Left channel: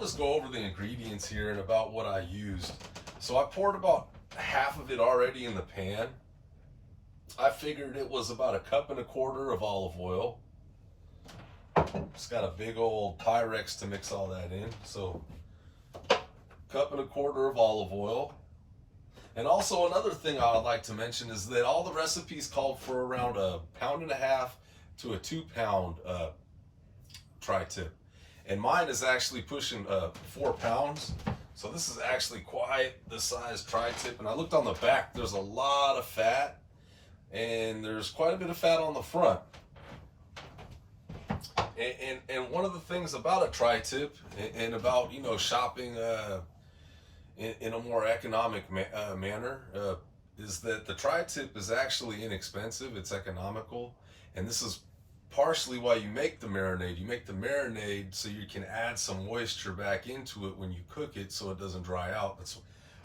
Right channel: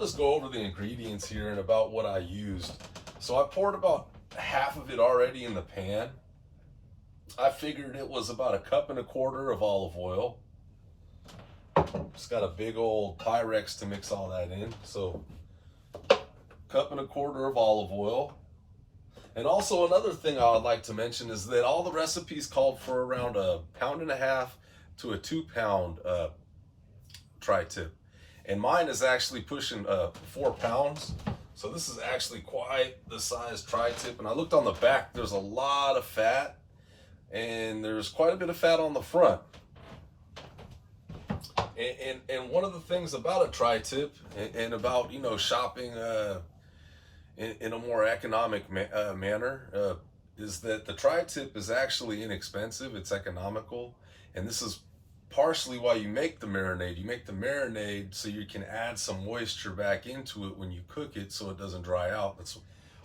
I'll just go over the ingredients here and about what I used. So I poured about half of it already in the pan. I figured it was about 1.25 cups of olive oil. Just got a big old Pyrex to mix all that in. So 1.25 cups of olive oil. And also another thing I would like to mention is that all the recipes called for around 1.5 pounds to a 2 pound tri-tip. And mine is actually pushing 4 pounds. So this is actually quite the size tri-tip. And I looked on the back, there's a lot of fat. And there's quite a bit of fat on the front. And one of the things about a tri-tip and about, you know, shopping in a more economic manner is that the tri-tip is actually inexpensive, it's economical, and this is partially why you make the marinade. You make the marinade so you can add some moisture back into it when you cook it so it doesn't dry out. That's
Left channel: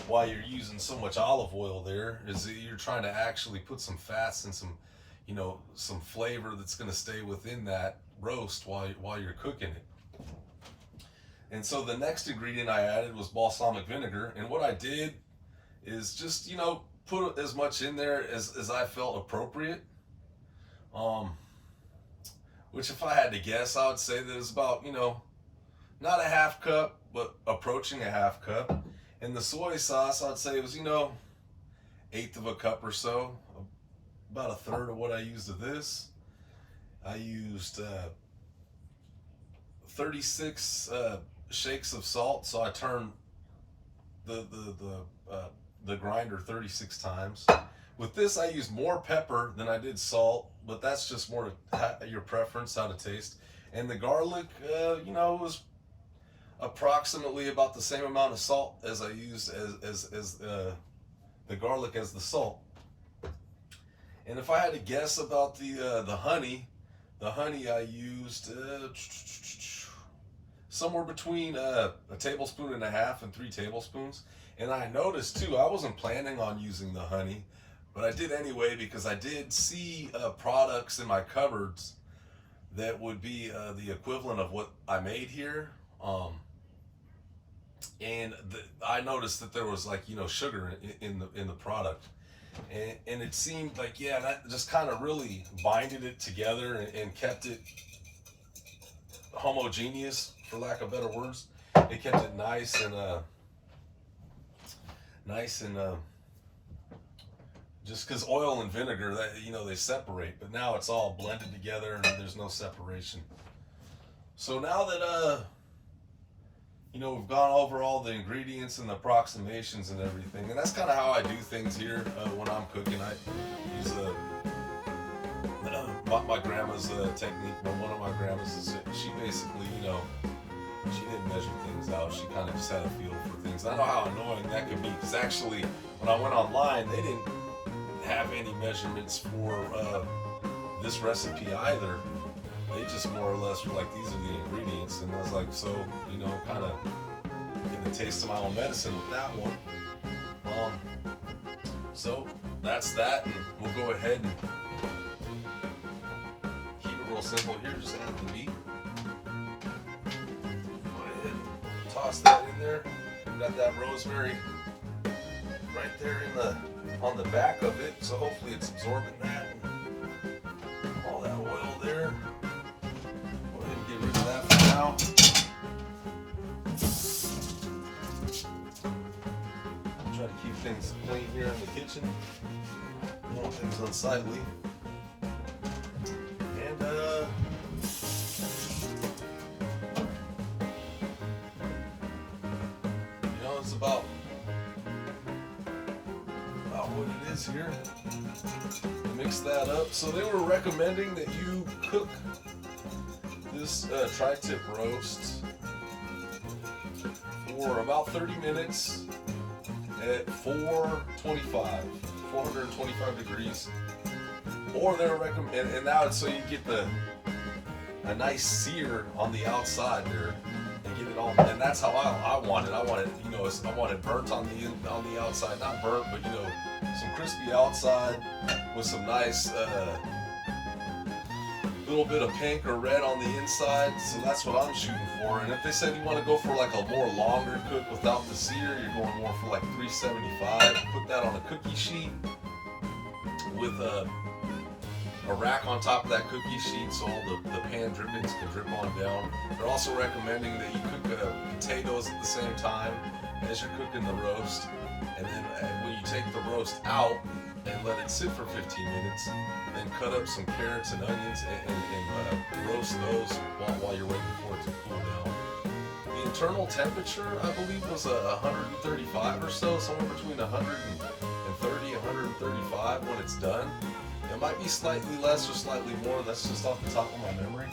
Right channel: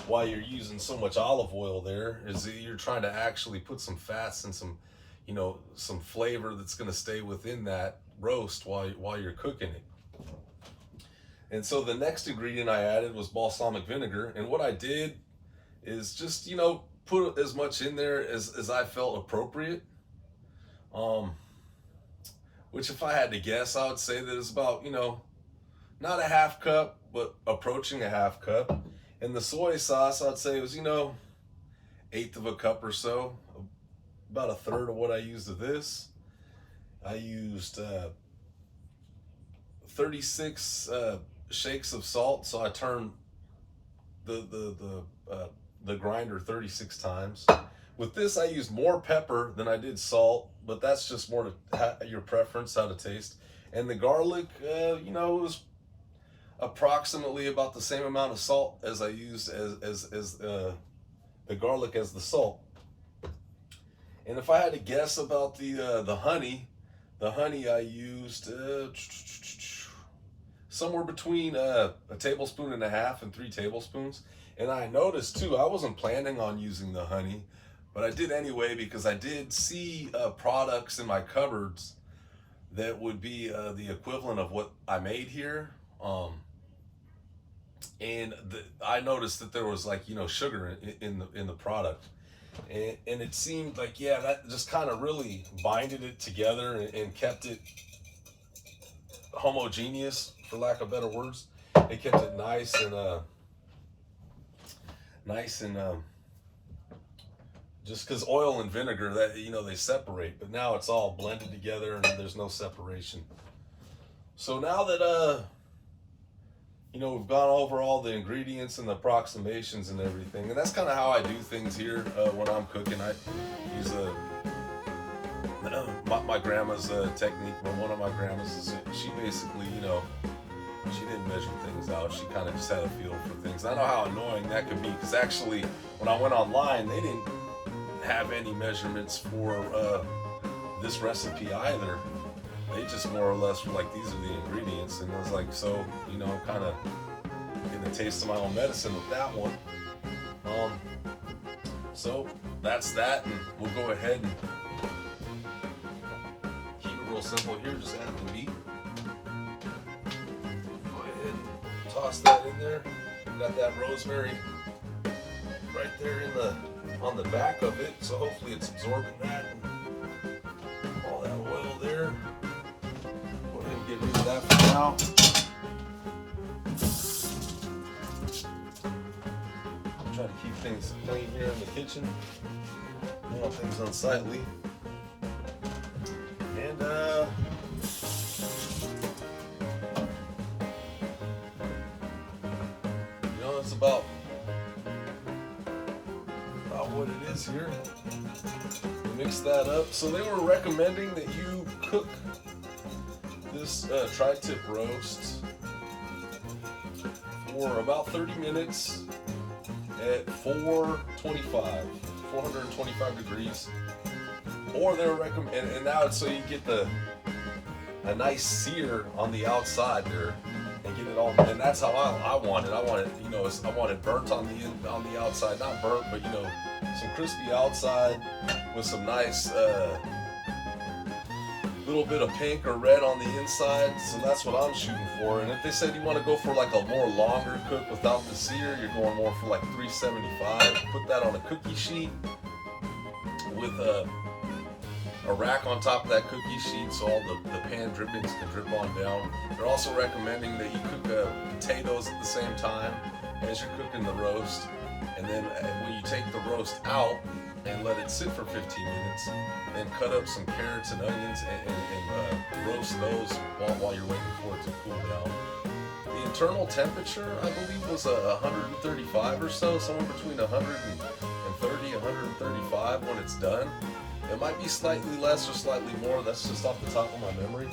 why you're using so much olive oil there, is that you're trying to actually put some fats and some, you know, some flavor that's going to stay within that roast while you're cooking it. And so the next ingredient I added was balsamic vinegar, and what I did is just, you know, put as much in there as I felt appropriate. Which, if I had to guess, I would say that it's about, you know, not 1/2 cup, but approaching 1/2 cup. And the soy sauce, I'd say it was, you know, 1/8 cup or so, about 1/3 of what I used of this. I used 36 shakes of salt, so I turned the grinder 36 times. With this, I used more pepper than I did salt, but that's just more to your preference, how to taste. And the garlic, you know, it was approximately about the same amount of salt as I used as the garlic as the salt. And if I had to guess about the honey I used somewhere between 1.5 tablespoons and 3 tablespoons. And I noticed too, I wasn't planning on using the honey, but I did anyway because I did see products in my cupboards that would be the equivalent of what I made here. And I noticed that there was, like, you know, sugar in the product. And it seemed like, yeah, that just kind of really binded it together and kept it homogeneous, for lack of better words. It kept it nice and just because oil and vinegar, that, you know, they separate, but now it's all blended together and there's no separation. So now that you know, we've gone over all the ingredients and the approximations and everything, and that's kind of how I do things here when I'm cooking. I use my grandma's technique. But one of my grandmas is, she basically, you know, she didn't measure things out. She kind of just had a feel for things. I know how annoying that could be, because actually when I went online, they didn't have any measurements for this recipe either. They just more or less were like, these are the ingredients, and I was like, so, you know, kind of getting a taste of my own medicine with that one. So that's that, and we'll go ahead and keep it real simple here. Just add the meat. Go ahead and toss that in there. We got that rosemary right there on the back of it, so hopefully it's absorbing that. All that oil there. Get rid of that for now. Try to keep things clean here in the kitchen. You know, things unsightly. And you know, it's about what it is here. Mix that up. So they were recommending that you cook this tri-tip roast for about 30 minutes at 425 degrees. Or they're recommending, and now it's so you get a nice sear on the outside there and get it all. And that's how I want it. I want it, you know, I want it burnt on the outside, not burnt, but, you know, some crispy outside with some nice good little bit of pink or red on the inside, so that's what I'm shooting for. And if they said you want to go for like a more longer cook without the sear, you're going more for like 375. Put that on a cookie sheet with a rack on top of that cookie sheet so all the pan drippings can drip on down. They're also recommending that you cook potatoes at the same time as you're cooking the roast. And then when you take the roast out and let it sit for 15 minutes, then cut up some carrots and onions and roast those while you're waiting for it to cool down. The internal temperature, I believe, was 135 or so, somewhere between 130 and 135 when it's done. It might be slightly less or slightly more, that's just off the top of my memory.